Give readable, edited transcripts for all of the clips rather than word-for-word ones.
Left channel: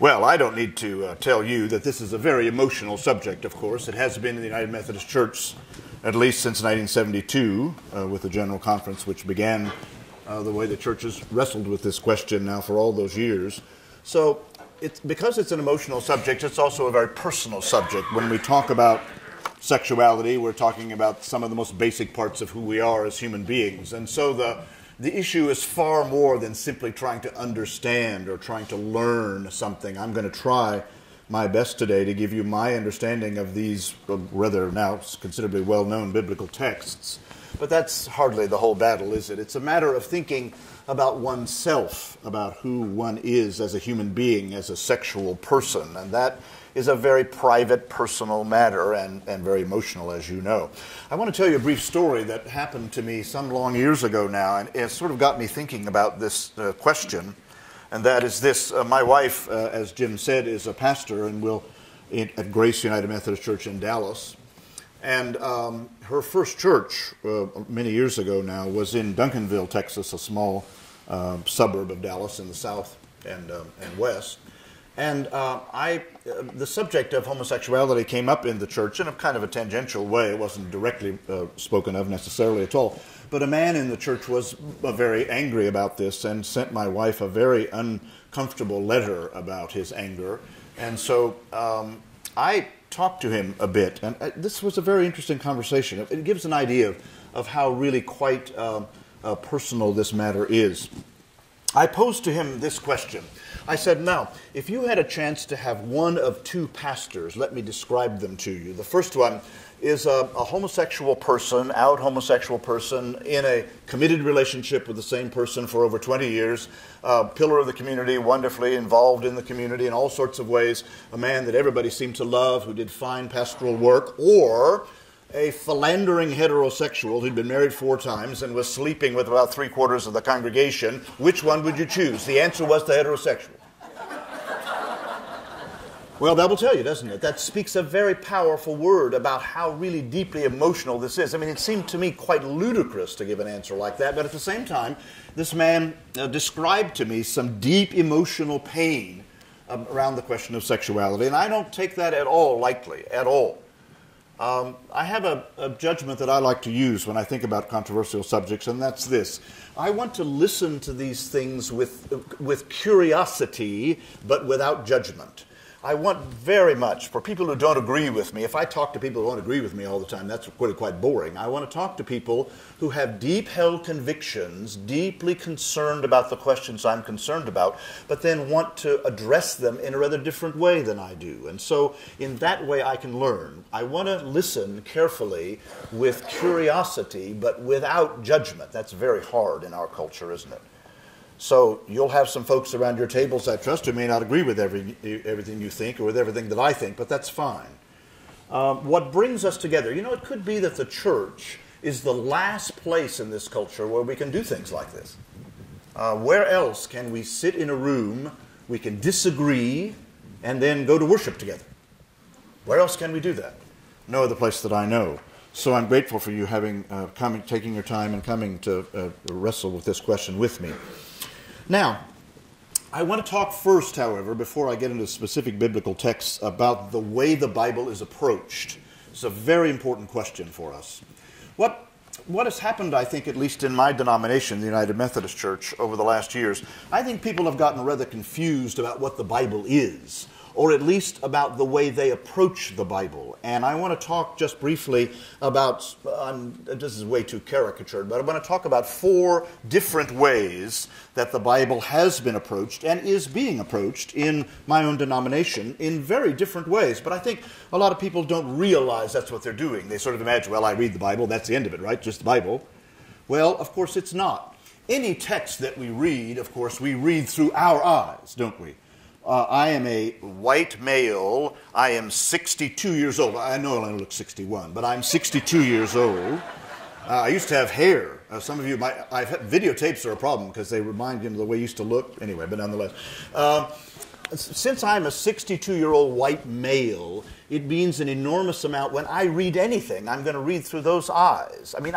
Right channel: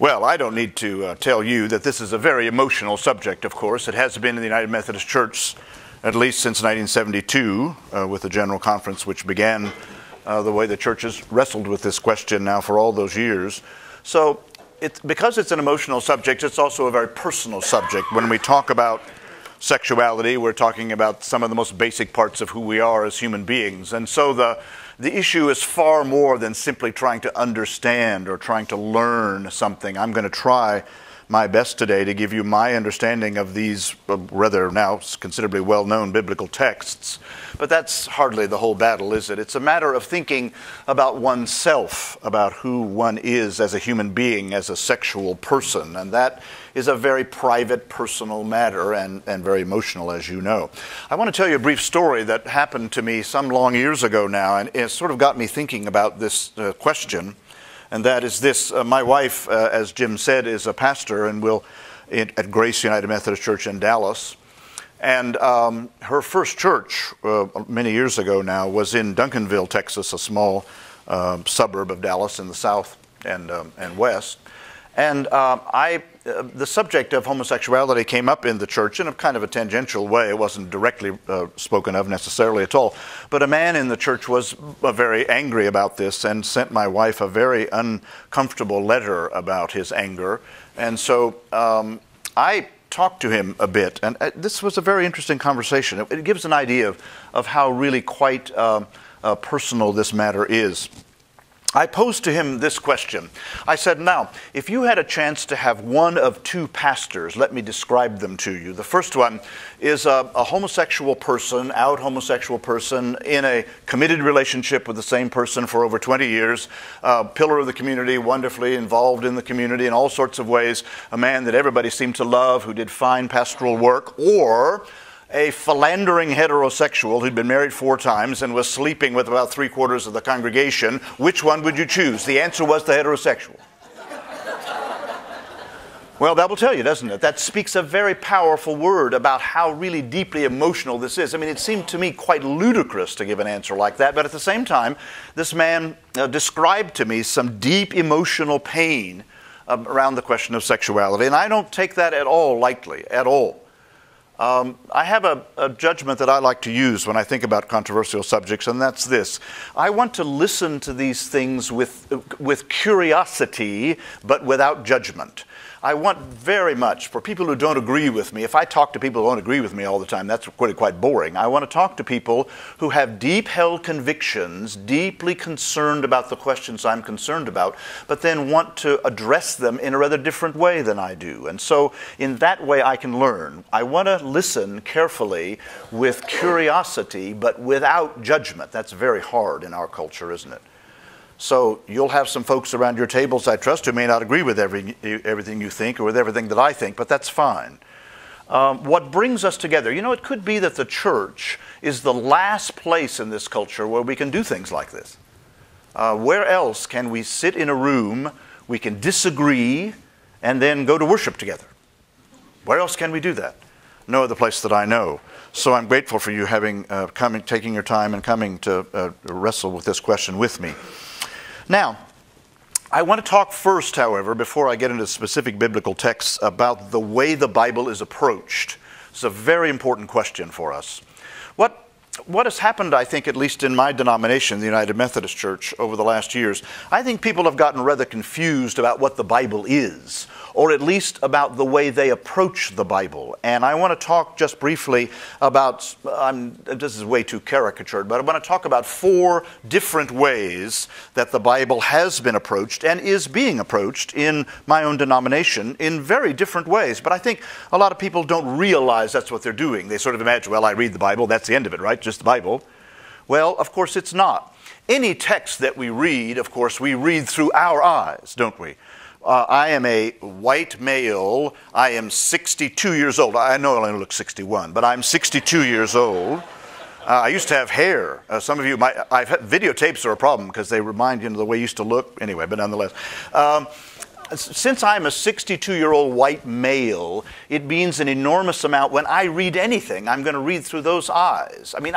Well, I don't need to tell you that this is a very emotional subject, of course. It has been in the United Methodist Church at least since 1972 with the General Conference, which began the way the church has wrestled with this question now for all those years. So because it's an emotional subject, it's also a very personal subject. When we talk about sexuality, we're talking about some of the most basic parts of who we are as human beings. And so the issue is far more than simply trying to understand or trying to learn something. I'm going to try my best today to give you my understanding of these rather now considerably well-known biblical texts. But that's hardly the whole battle, is it? It's a matter of thinking about oneself, about who one is as a human being, as a sexual person. And that is a very private, personal matter and very emotional, as you know. I want to tell you a brief story that happened to me some long years ago now, and it sort of got me thinking about this question. And that is this. My wife, as Jim said, is a pastor and at Grace United Methodist Church in Dallas. And her first church many years ago now was in Duncanville, Texas, a small suburb of Dallas in the south and west. And the subject of homosexuality came up in the church in a kind of a tangential way. It wasn't directly spoken of necessarily at all. But a man in the church was very angry about this and sent my wife a very uncomfortable letter about his anger. And so I talked to him a bit. And this was a very interesting conversation. It gives an idea of how really quite personal this matter is. I posed to him this question. I said, now, if you had a chance to have one of two pastors, let me describe them to you. The first one is a homosexual person, out homosexual person, in a committed relationship with the same person for over 20 years, pillar of the community, wonderfully involved in the community in all sorts of ways, a man that everybody seemed to love, who did fine pastoral work, or a philandering heterosexual who'd been married 4 times and was sleeping with about 3/4 of the congregation. Which one would you choose? The answer was the heterosexual. Well, that will tell you, doesn't it? That speaks a very powerful word about how really deeply emotional this is. I mean, it seemed to me quite ludicrous to give an answer like that, but at the same time, this man described to me some deep emotional pain around the question of sexuality, and I don't take that at all lightly, at all. I have a judgment that I like to use when I think about controversial subjects, and that's this. I want to listen to these things with curiosity, but without judgment. I want very much, for people who don't agree with me, if I talk to people who don't agree with me all the time, that's quite boring. I want to talk to people who have deep-held convictions, deeply concerned about the questions I'm concerned about, but then want to address them in a rather different way than I do. And so in that way I can learn. I want to listen carefully with curiosity, but without judgment. That's very hard in our culture, isn't it? So you'll have some folks around your tables, I trust, who may not agree with everything you think or with everything that I think, but that's fine. What brings us together? You know, it could be that the church is the last place in this culture where we can do things like this. Where else can we sit in a room, we can disagree, and then go to worship together? Where else can we do that? No other place that I know. So I'm grateful for you taking your time and coming to wrestle with this question with me. Now, I want to talk first, however, before I get into specific biblical texts, about the way the Bible is approached. It's a very important question for us. What has happened, I think, at least in my denomination, the United Methodist Church, over the last years, I think people have gotten rather confused about what the Bible is, or at least about the way they approach the Bible. And I want to talk just briefly about, this is way too caricatured, but I want to talk about 4 different ways that the Bible has been approached and is being approached in my own denomination in very different ways. But I think a lot of people don't realize that's what they're doing. They sort of imagine, well, I read the Bible, that's the end of it, right? Just the Bible. Well, of course it's not. Any text that we read, of course, we read through our eyes, don't we? I am a white male. I am 62 years old. I know I only look 61, but I'm 62 years old. I used to have hair. Some of you might, videotapes are a problem because they remind you of the way you used to look. Anyway, but nonetheless. since I'm a 62-year-old white male, it means an enormous amount. When I read anything, I'm going to read through those eyes. I mean,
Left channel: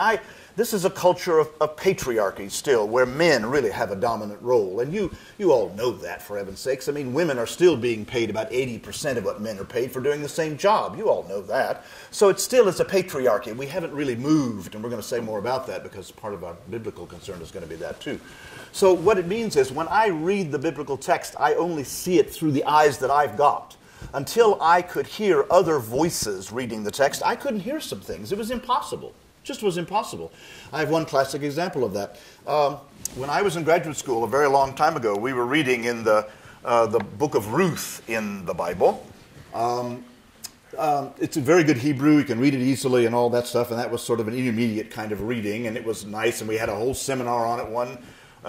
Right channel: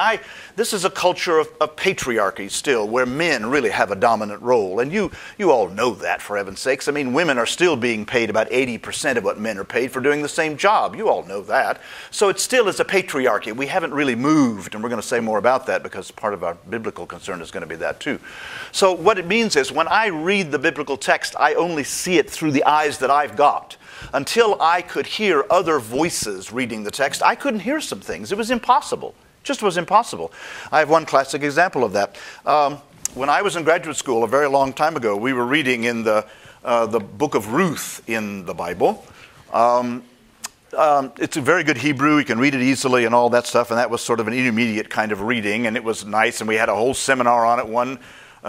this is a culture of patriarchy still, where men really have a dominant role. And you all know that, for heaven's sakes. I mean, women are still being paid about 80% of what men are paid for doing the same job. You all know that. So it still is a patriarchy. We haven't really moved, and we're going to say more about that because part of our biblical concern is going to be that too. So what it means is when I read the biblical text, I only see it through the eyes that I've got. Until I could hear other voices reading the text, I couldn't hear some things. It was impossible. It just was impossible. I have one classic example of that. When I was in graduate school a very long time ago, we were reading in the book of Ruth in the Bible. It's a very good Hebrew. You can read it easily and all that stuff, and that was sort of an intermediate kind of reading, and it was nice, and we had a whole seminar on it one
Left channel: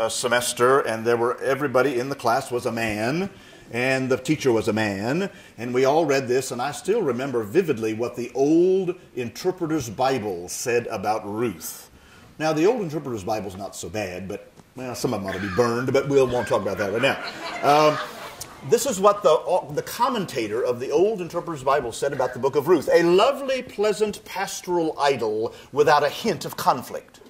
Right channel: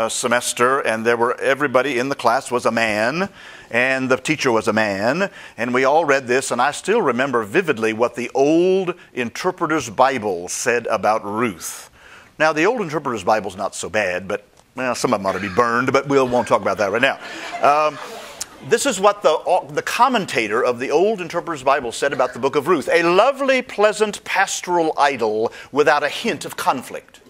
semester, and everybody in the class was a man, and the teacher was a man, and we all read this, and I still remember vividly what the Old Interpreter's Bible said about Ruth. Now, the Old Interpreter's Bible is not so bad, but well, some of them ought to be burned, but we won't talk about that right now. This is what the commentator of the Old Interpreter's Bible said about the book of Ruth. A lovely, pleasant, pastoral idyll without a hint of conflict.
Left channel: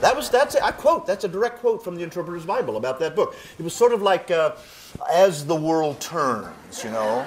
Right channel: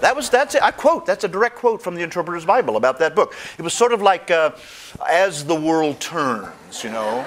That's it. I quote. That's a direct quote from the Interpreter's Bible about that book. It was sort of like As the World Turns, you know.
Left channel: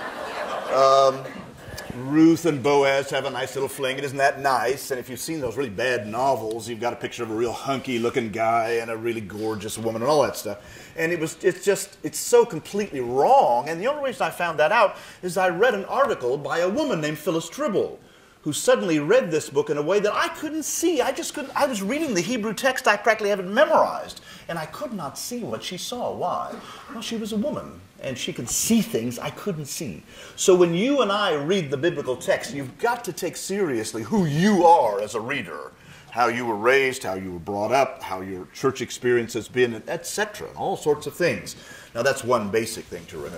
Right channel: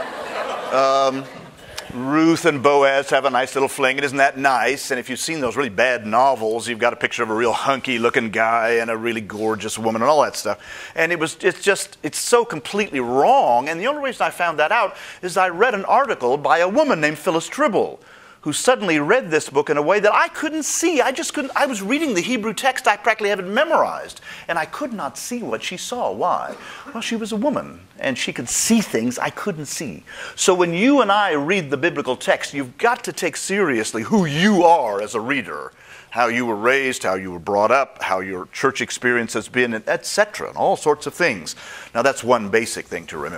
Ruth and Boaz have a nice little fling. It isn't that nice. And if you've seen those really bad novels, you've got a picture of a real hunky-looking guy and a really gorgeous woman and all that stuff. And it's so completely wrong. And the only reason I found that out is I read an article by a woman named Phyllis Tribble, who suddenly read this book in a way that I couldn't see. I was reading the Hebrew text. I practically have it memorized. And I could not see what she saw. Why? Well, she was a woman, and she could see things I couldn't see. So when you and I read the biblical text, you've got to take seriously who you are as a reader, how you were raised, how you were brought up, how your church experience has been, etc., and all sorts of things. Now, that's one basic thing to remember.